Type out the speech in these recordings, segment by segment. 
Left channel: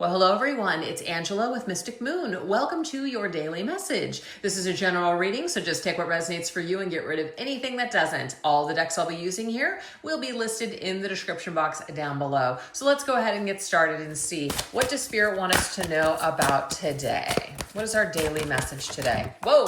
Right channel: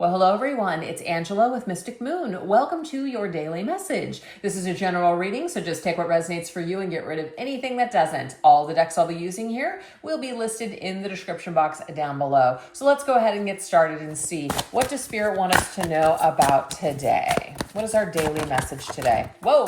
Well, hello everyone. It's Angela with Mystic Moon. Welcome to your daily message. This is a general reading, so just take what resonates for you and get rid of anything that doesn't. All the decks I'll be using here will be listed in the description box down below. So let's go ahead and get started and see, what does Spirit want us to know about today? What is our daily message today? Whoa!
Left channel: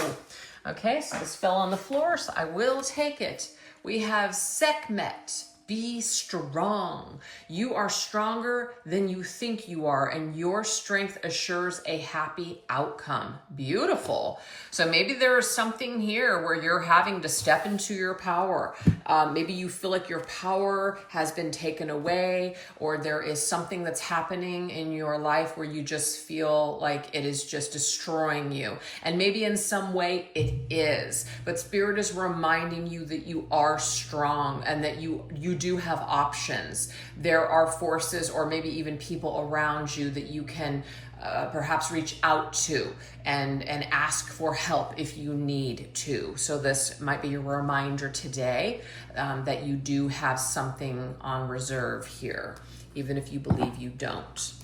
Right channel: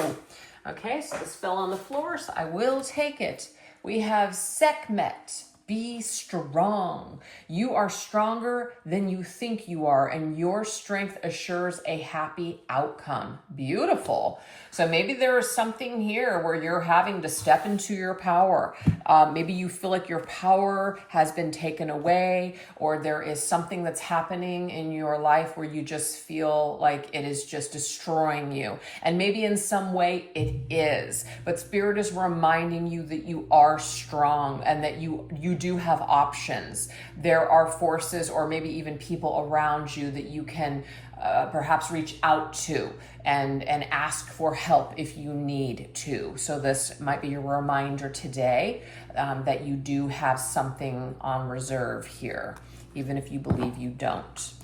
Okay, so this fell on the floor, so I will take it. We have Sekhmet. Be strong. You are stronger than you think you are, and your strength assures a happy outcome. Beautiful. So maybe there is something here where you're having to step into your power. Maybe you feel like your power has been taken away, or there is something that's happening in your life where you just feel like it is just destroying you. And maybe in some way it is. But Spirit is reminding you that you are strong and that you do have options. There are forces or maybe even people around you that you can perhaps reach out to and ask for help if you need to. So this might be a reminder today that you do have something on reserve here, even if you believe you don't.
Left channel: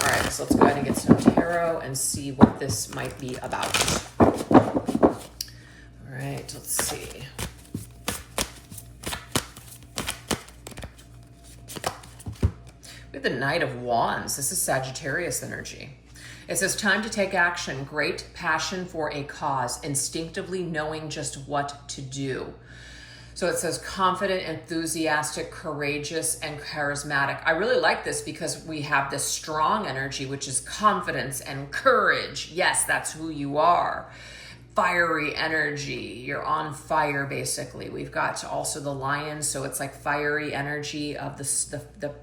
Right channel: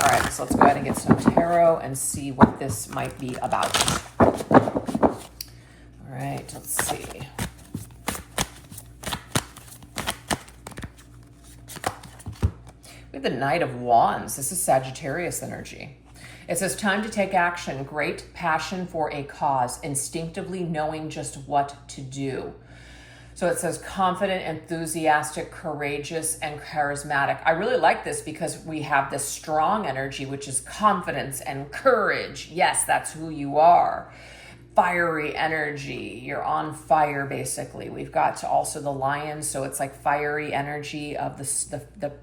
All right, so let's go ahead and get some tarot and see what this might be about. All right, let's see. We have the Knight of Wands. This is Sagittarius energy. It says, time to take action, great passion for a cause, instinctively knowing just what to do. So it says confident, enthusiastic, courageous, and charismatic. I really like this because we have this strong energy, which is confidence and courage. Yes, that's who you are. Fiery energy. You're on fire, basically. We've got also the Lion, so it's like fiery energy of the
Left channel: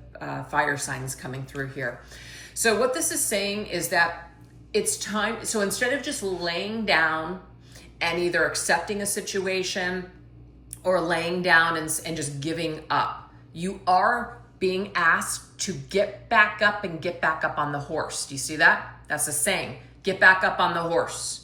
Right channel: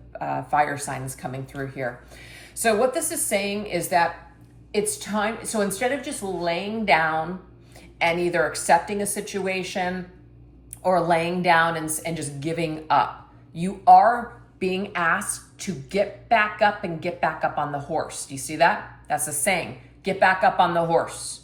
fire signs coming through here. So what this is saying is that it's time. So instead of just laying down and either accepting a situation or laying down and just giving up, you are being asked to get back up and get back up on the horse. Do you see that? That's the saying. Get back up on the horse.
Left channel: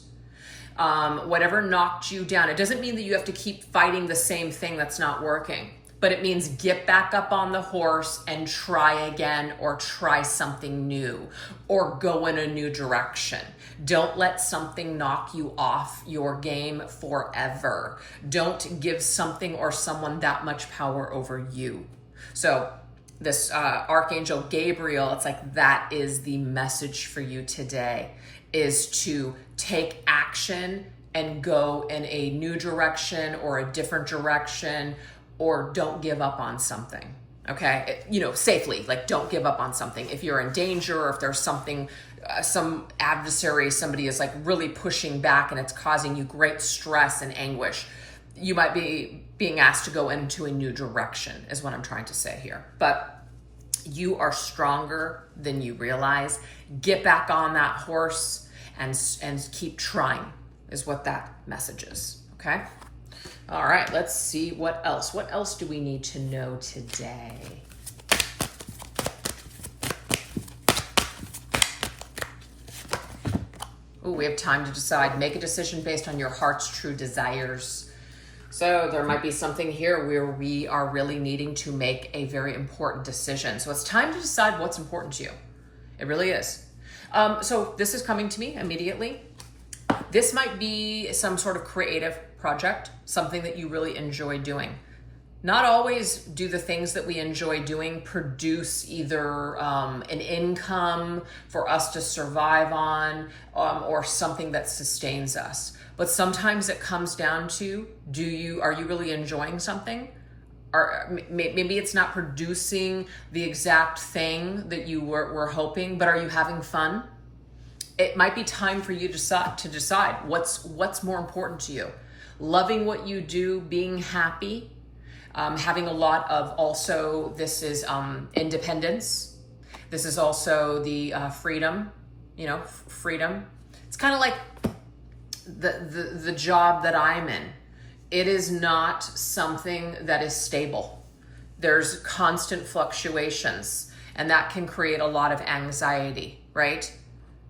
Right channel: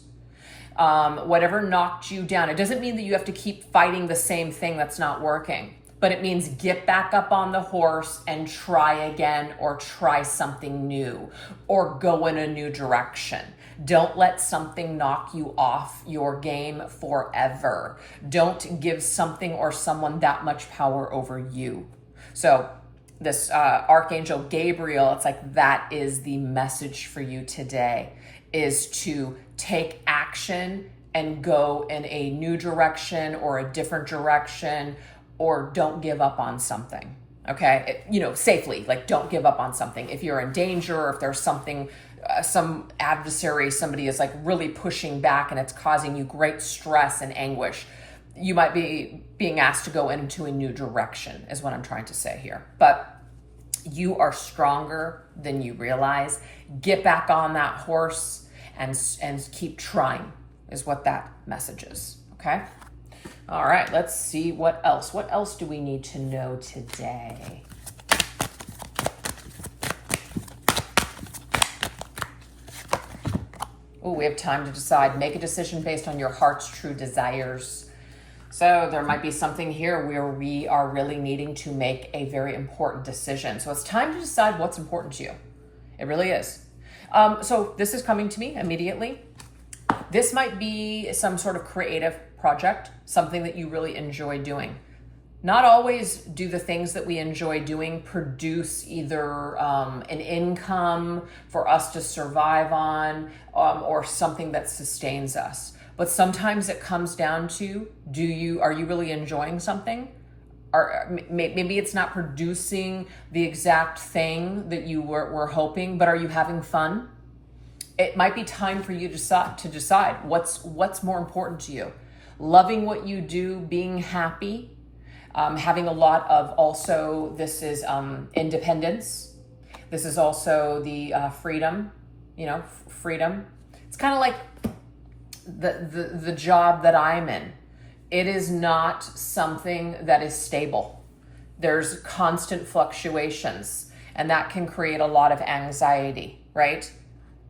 Whatever knocked you down. It doesn't mean that you have to keep fighting the same thing that's not working, but it means get back up on the horse and try again, or try something new, or go in a new direction. Don't let something knock you off your game forever. Don't give something or someone that much power over you. So this Archangel Gabriel, it's like that is the message for you today, is to take action and go in a new direction or a different direction, or don't give up on something. Okay, safely, like don't give up on something. If you're in danger, or if there's something, some adversary, somebody is like really pushing back and it's causing you great stress and anguish, you might be being asked to go into a new direction, is what I'm trying to say here. But you are stronger than you realize. Get back on that horse and keep trying, is what that message is. Okay. All right, let's see what else. What else do we need to know today? Oh, we have time to decide. Make a decision based on your heart's true desires. So there might be something here where we are really needing to make a very important decision. So it's time to decide what's important to you. It really is. So this is coming to me immediately. This might be some sort of creative project, something that you really enjoy doing. Not always do the things that we enjoy doing produce either an income for us to survive on, or something that sustains us. But sometimes it comes down to, are you really enjoying something? Or maybe it's not producing the exact thing that you were hoping, but are you having fun? It might be time for you to decide what's more important to you. Loving what you do, being happy, having a lot of also, this is independence. This is also the freedom, freedom. It's kind of like the job that I'm in. It is not something that is stable. There's constant fluctuations, and that can create a lot of anxiety, right?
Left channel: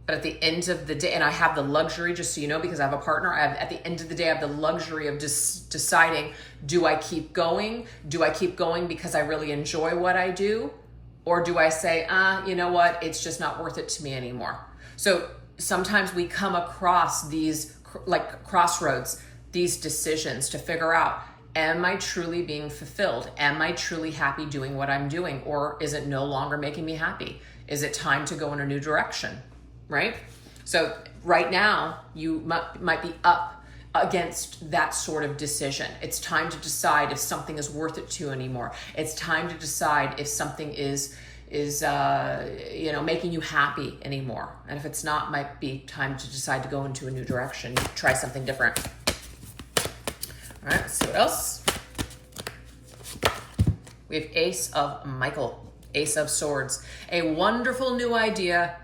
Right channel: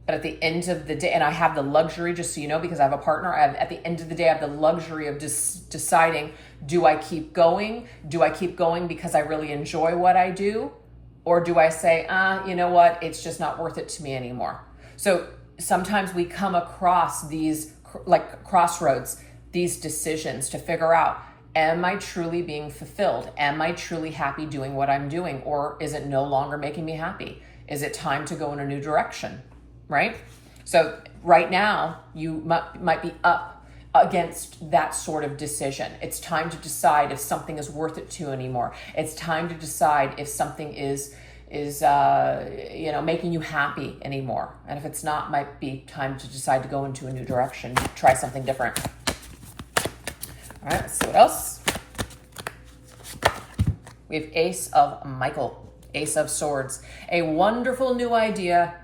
But at the end of the day, and I have the luxury, just so you know, because I have a partner, at the end of the day, I have the luxury of just deciding, do I keep going? Do I keep going because I really enjoy what I do? Or do I say, you know what, it's just not worth it to me anymore? So sometimes we come across these like crossroads, these decisions to figure out, am I truly being fulfilled? Am I truly happy doing what I'm doing? Or is it no longer making me happy? Is it time to go in a new direction, right? So right now, you might be up against that sort of decision. It's time to decide if something is worth it to you anymore. It's time to decide if something is making you happy anymore. And if it's not, might be time to decide to go into a new direction, try something different. All right, let's see what else. We have Ace of Michael, Ace of Swords. A wonderful new idea.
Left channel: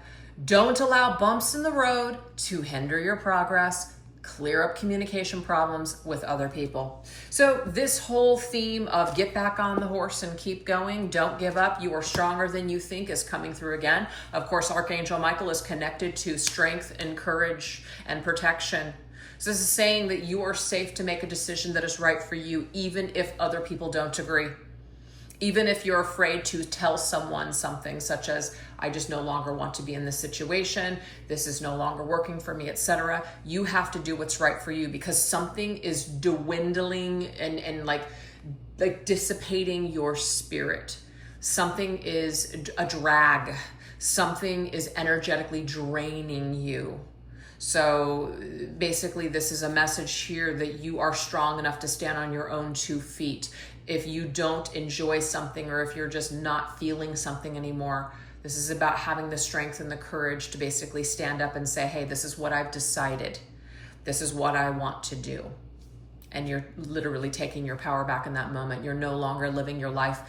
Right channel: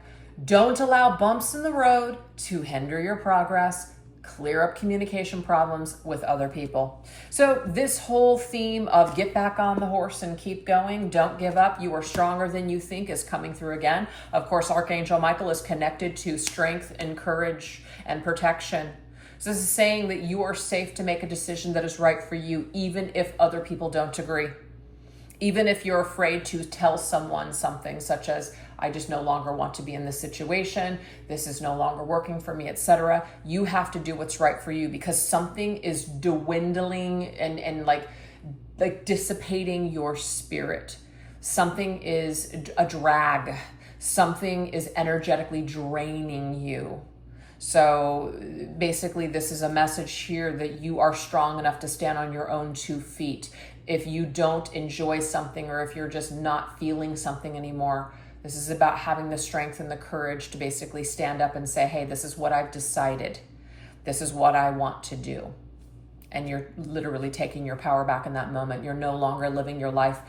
Don't allow bumps in the road to hinder your progress. Clear up communication problems with other people. So this whole theme of get back on the horse and keep going, don't give up, you are stronger than you think is coming through again. Of course, Archangel Michael is connected to strength and courage and protection. So this is saying that you are safe to make a decision that is right for you, even if other people don't agree. Even if you're afraid to tell someone something such as, I just no longer want to be in this situation, this is no longer working for me, etc. You have to do what's right for you, because something is dwindling and like dissipating your spirit. Something is a drag. Something is energetically draining you. So basically, this is a message here that you are strong enough to stand on your own 2 feet. If you don't enjoy something, or if you're just not feeling something anymore, this is about having the strength and the courage to basically stand up and say, hey, this is what I've decided. This is what I want to do. And you're literally taking your power back in that moment. You're no longer living your life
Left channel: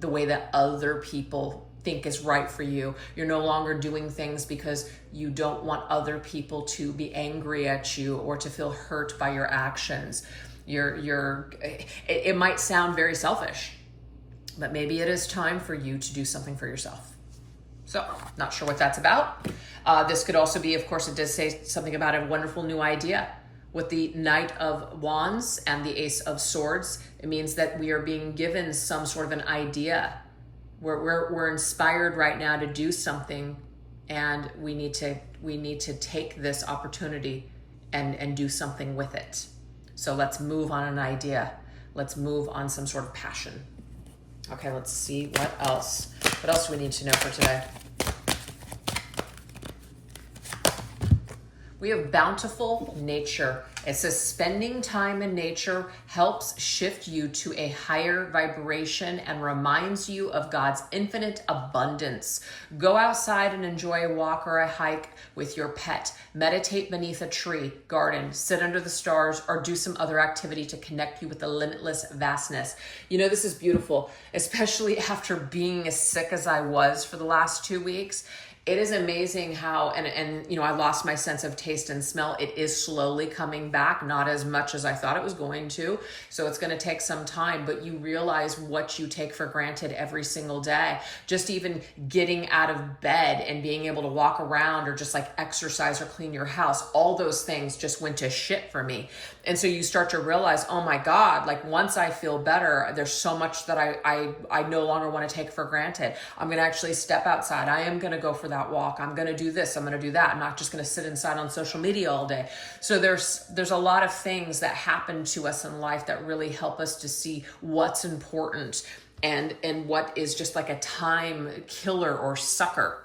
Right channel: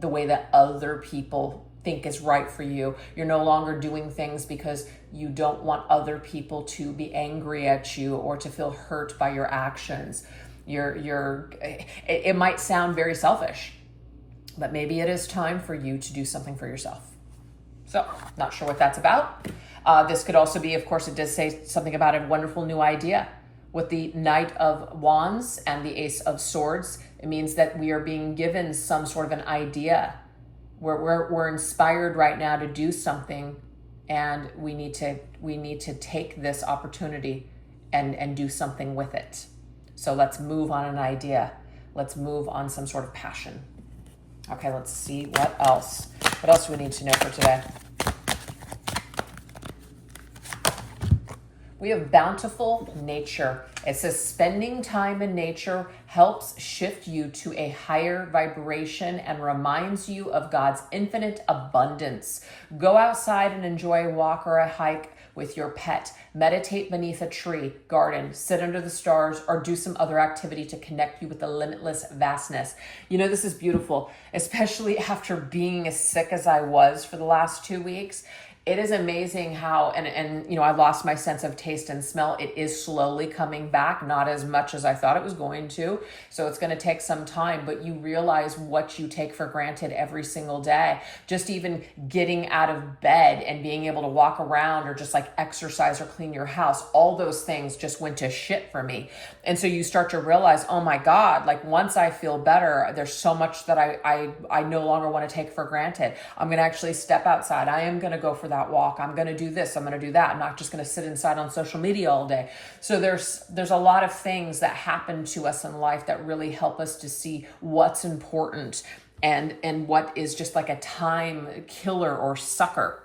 the way that other people think is right for you. You're no longer doing things because you don't want other people to be angry at you or to feel hurt by your actions. It might sound very selfish, but maybe it is time for you to do something for yourself. So, not sure what that's about. This could also be, of course, it does say something about a wonderful new idea. With the Knight of Wands and the Ace of Swords, it means that we are being given some sort of an idea. We're inspired right now to do something, and we need to take this opportunity and do something with it. So let's move on an idea. Let's move on some sort of passion. Okay, let's see what else. What else do we need to know for today? We have bountiful nature. It says spending time in nature helps shift you to a higher vibration and reminds you of God's infinite abundance. Go outside and enjoy a walk or a hike with your pet. Meditate beneath a tree, garden, sit under the stars, or do some other activity to connect you with the limitless vastness. You know, this is beautiful, especially after being as sick as I was for the last 2 weeks. It is amazing how, and you know, I lost my sense of taste and smell. It is slowly coming back, not as much as I thought it was going to. So it's going to take some time, but you realize what you take for granted every single day. Just even getting out of bed and being able to walk around or just like exercise or clean your house, all those things just went to shit for me. And so you start to realize, oh my God, like once I feel better, there's so much that I no longer want to take for granted. I'm going to actually step outside. I am going to go for that walk. I'm going to do this. I'm going to do that. I'm not just going to sit inside on social media all day. So there's a lot of things that happen to us in life that really help us to see what's important and what is just like a time killer or sucker.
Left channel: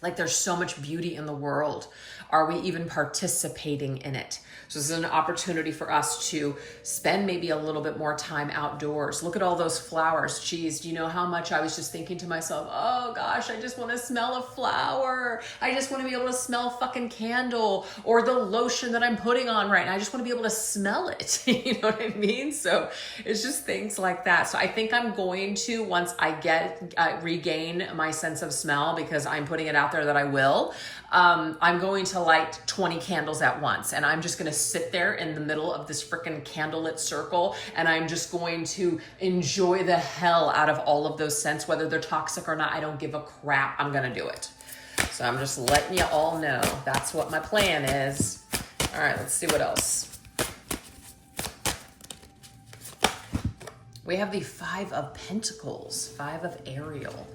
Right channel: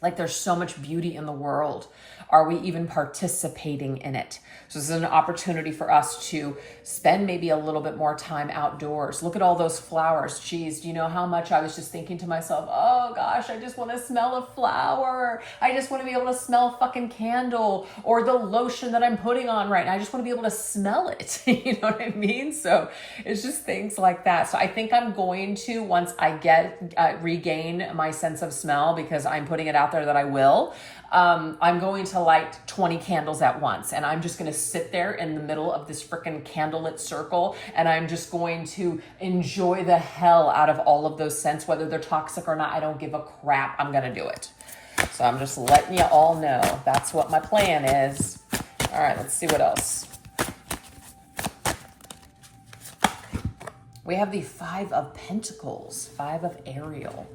Like there's so much beauty in the world. Are we even participating in it? So this is an opportunity for us to spend maybe a little bit more time outdoors. Look at all those flowers. Geez, do you know how much I was just thinking to myself, oh gosh, I just want to smell a flower. I just want to be able to smell a fucking candle or the lotion that I'm putting on right now. I just want to be able to smell it. You know what I mean? So it's just things like that. So I think I'm going to, once I regain my sense of smell, because I'm putting it out there that I will, I'm going to light 20 candles at once, and I'm just going to sit there in the middle of this freaking candlelit circle, and I'm just going to enjoy the hell out of all of those scents, whether they're toxic or not. I don't give a crap. I'm going to do it. So I'm just letting you all know that's what my plan is. All right, let's see what else. We have the Five of Pentacles, Five of Ariel.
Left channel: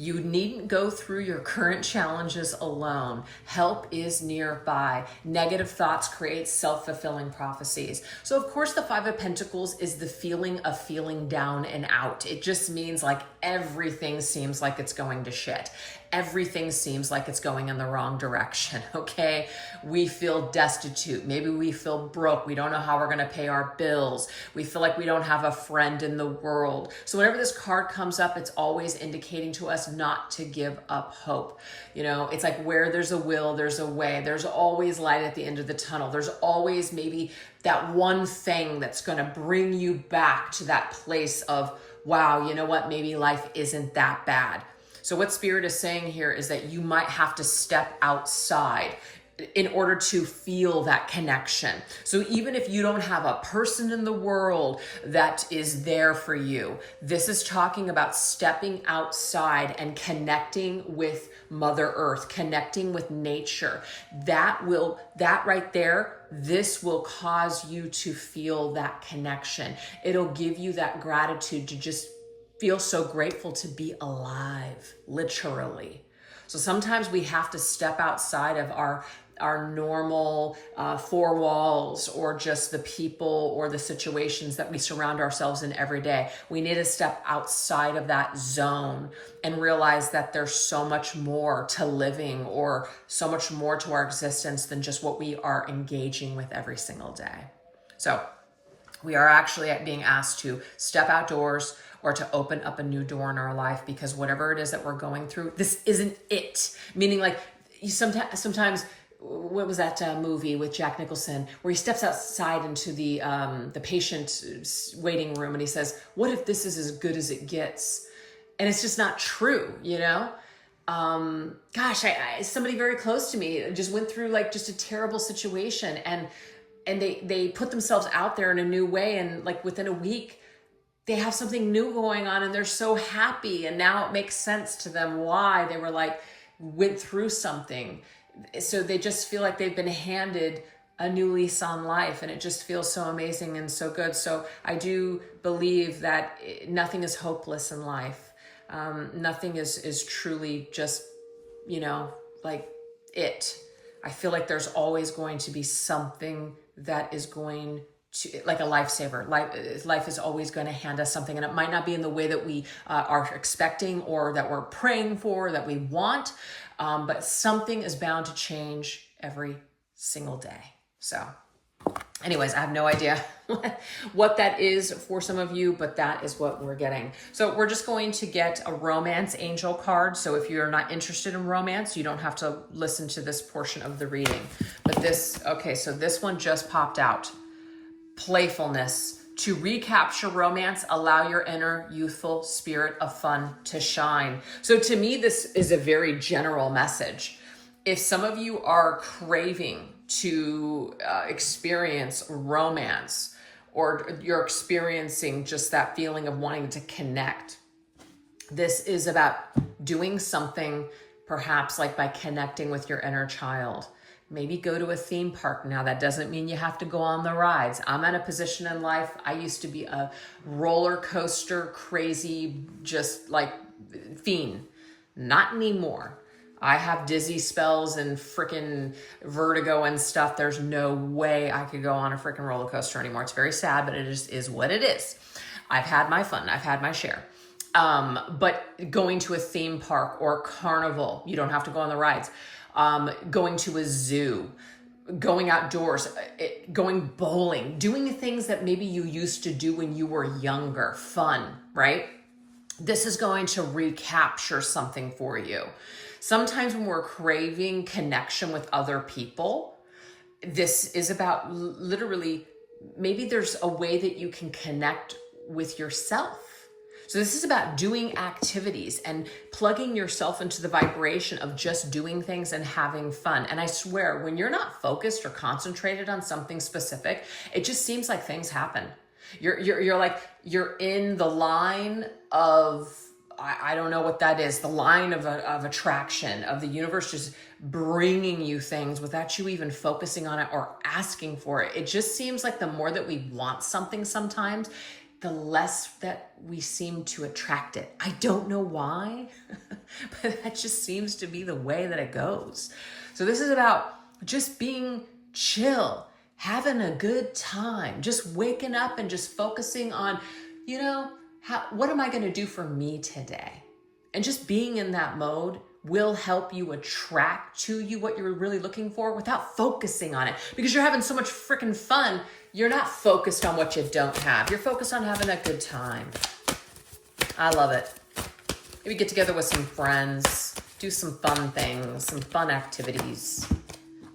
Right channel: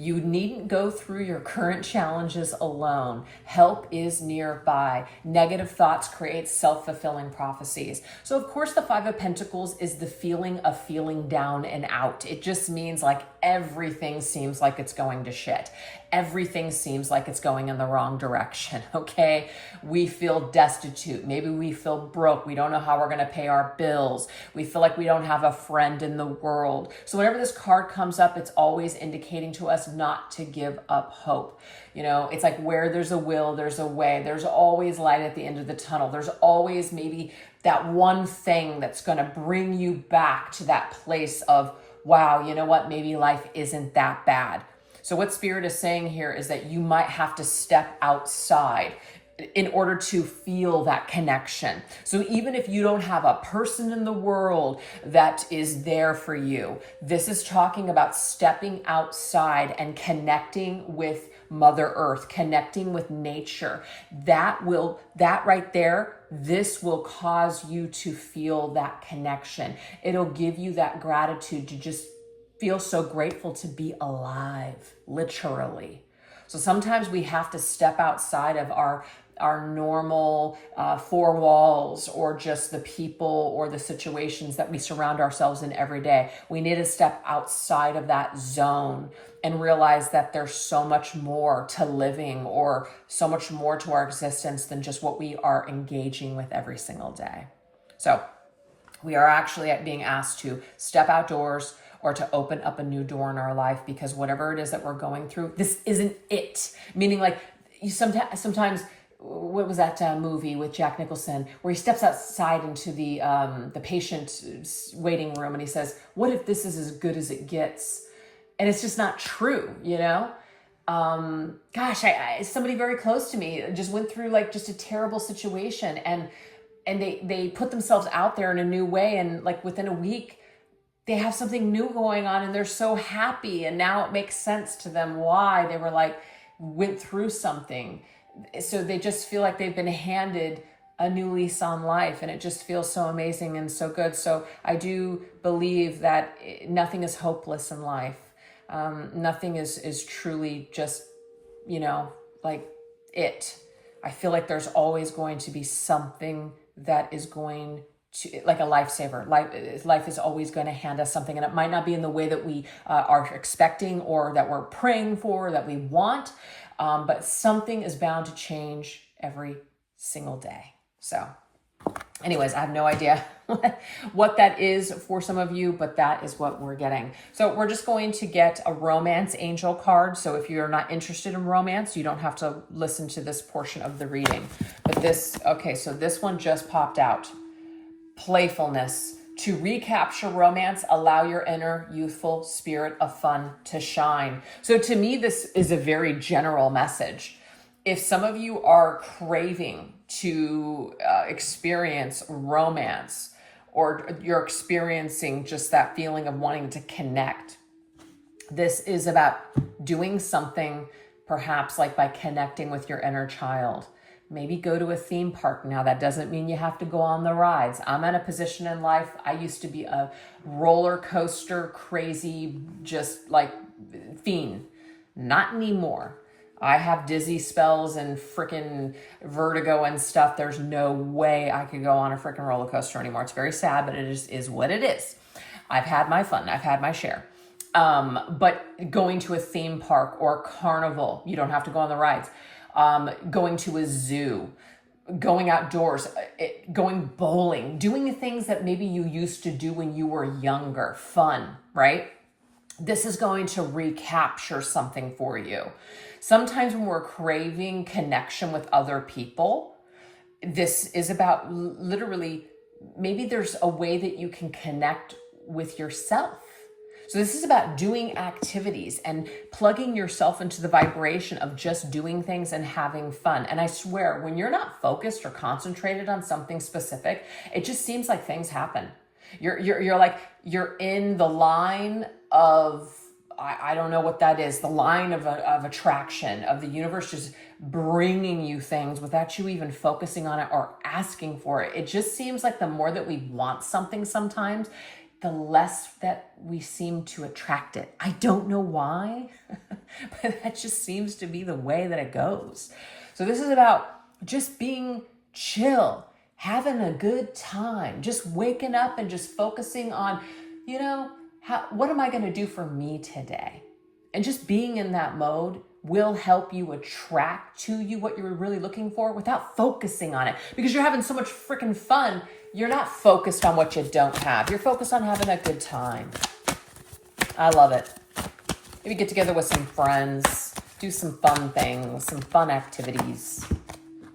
You needn't go through your current challenges alone. Help is nearby. Negative thoughts create self-fulfilling prophecies. So of course the Five of Pentacles is the feeling of feeling down and out. It just means like everything seems like it's going to shit. Everything seems like it's going in the wrong direction, okay? We feel destitute. Maybe we feel broke. We don't know how we're going to pay our bills. We feel like we don't have a friend in the world. So whenever this card comes up, it's always indicating to us not to give up hope. You know, it's like where there's a will, there's a way. There's always light at the end of the tunnel. There's always maybe that one thing that's going to bring you back to that place of, wow, you know what? Maybe life isn't that bad. So what Spirit is saying here is that you might have to step outside in order to feel that connection. So even if you don't have a person in the world that is there for you, this is talking about stepping outside and connecting with Mother Earth, connecting with nature. That right there, this will cause you to feel that connection. It'll give you that gratitude to just feel so grateful to be alive, literally. So sometimes we have to step outside of our normal four walls, or just the people or the situations that we surround ourselves in every day. We need to step outside of that zone and realize that there's so much more to living, or so much more to our existence than just what we are engaging with every single day. So we are actually being asked to step outdoors, or to open up a new door in our life, because whatever it is that we're going through, this isn't it. Meaning, like, sometimes what was that movie with Jack Nicholson where he steps outside into the patient waiting room and he says, what if this is as good as it gets? And it's just not true, you know? Somebody very close to me just went through like just a terrible situation, and they put themselves out there in a new way, and like within a week, they have something new going on and they're so happy. And now it makes sense to them why they were like, went through something. So they just feel like they've been handed a new lease on life, and it just feels so amazing and so good. So I do believe that nothing is hopeless in life. Nothing is truly just, you know, like it. I feel like there's always going to be something that is going to, like a lifesaver. Life is always going to hand us something, and it might not be in the way that we are expecting, or that we're praying for, that we want, but something is bound to change every single day. So anyways, I have no idea what that is for some of you, but that is what we're getting. So we're just going to get a romance angel card. So if you're not interested in romance, you don't have to listen to this portion of the reading. But so this one just popped out. Playfulness. To recapture romance, allow your inner youthful spirit of fun to shine. So to me, this is a very general message. If some of you are craving to experience romance, or you're experiencing just that feeling of wanting to connect, this is about doing something, perhaps like by connecting with your inner child. Maybe go to a theme park. Now, that doesn't mean you have to go on the rides. I'm at a position in life. I used to be a roller coaster crazy, just like fiend. Not anymore. I have dizzy spells and freaking vertigo and stuff. There's no way I could go on a freaking roller coaster anymore. It's very sad, but it is what it is. I've had my fun. I've had my share. But going to a theme park or carnival, you don't have to go on the rides. Going to a zoo, going outdoors, going bowling, doing the things that maybe you used to do when you were younger, fun, right? This is going to recapture something for you. Sometimes when we're craving connection with other people, this is about literally, maybe there's a way that you can connect with yourself. So this is about doing activities and plugging yourself into the vibration of just doing things and having fun. And I swear, when you're not focused or concentrated on something specific, it just seems like things happen. You're in the line of, I don't know what that is, the line of attraction of the universe, just bringing you things without you even focusing on it or asking for it. It just seems like the more that we want something sometimes, the less that we seem to attract it. I don't know why, but that just seems to be the way that it goes. So this is about just being chill, having a good time, just waking up and just focusing on, what am I going to do for me today? And just being in that mode will help you attract to you what you're really looking for without focusing on it, because you're having so much freaking fun. You're not focused on what you don't have. You're focused on having a good time. I love it. Maybe get together with some friends, do some fun things, some fun activities.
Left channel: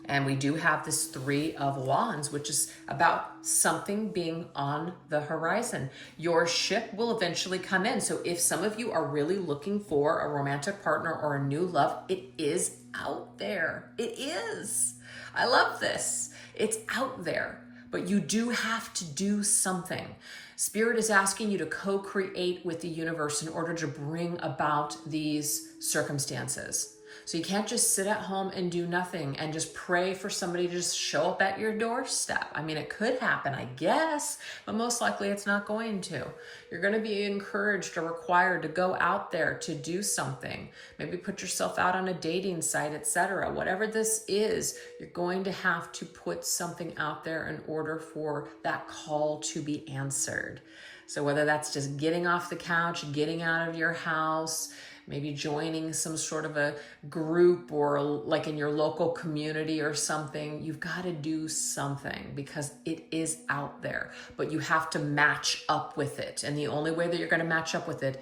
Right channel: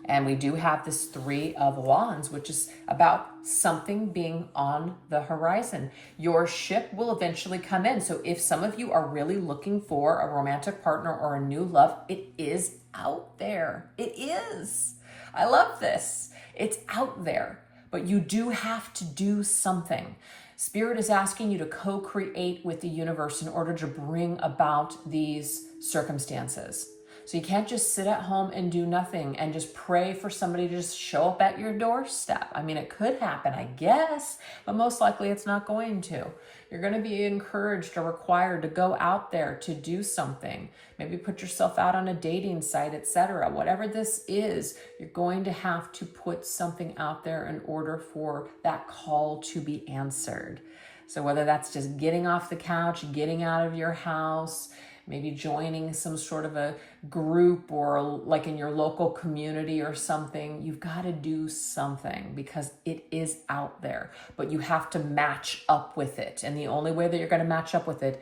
And we do have this 3 of Wands, which is about something being on the horizon. Your ship will eventually come in. So if some of you are really looking for a romantic partner or a new love, it is out there. It is. I love this. It's out there, but you do have to do something. Spirit is asking you to co-create with the universe in order to bring about these circumstances. So you can't just sit at home and do nothing and just pray for somebody to just show up at your doorstep. I mean, it could happen, I guess, but most likely it's not going to. You're going to be encouraged or required to go out there to do something. Maybe put yourself out on a dating site, etc. Whatever this is, you're going to have to put something out there in order for that call to be answered. So whether that's just getting off the couch, getting out of your house, maybe joining some sort of a group or like in your local community or something, you've got to do something because it is out there, but you have to match up with it. And the only way that you're going to match up with it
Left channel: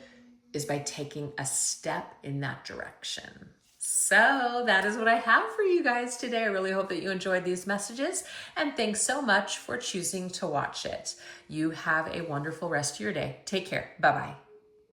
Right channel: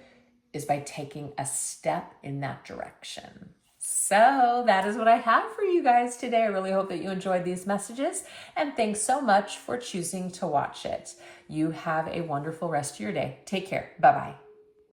is by taking a step in that direction. So that is what I have for you guys today. I really hope that you enjoyed these messages, and thanks so much for choosing to watch it. You have a wonderful rest of your day. Take care. Bye-bye.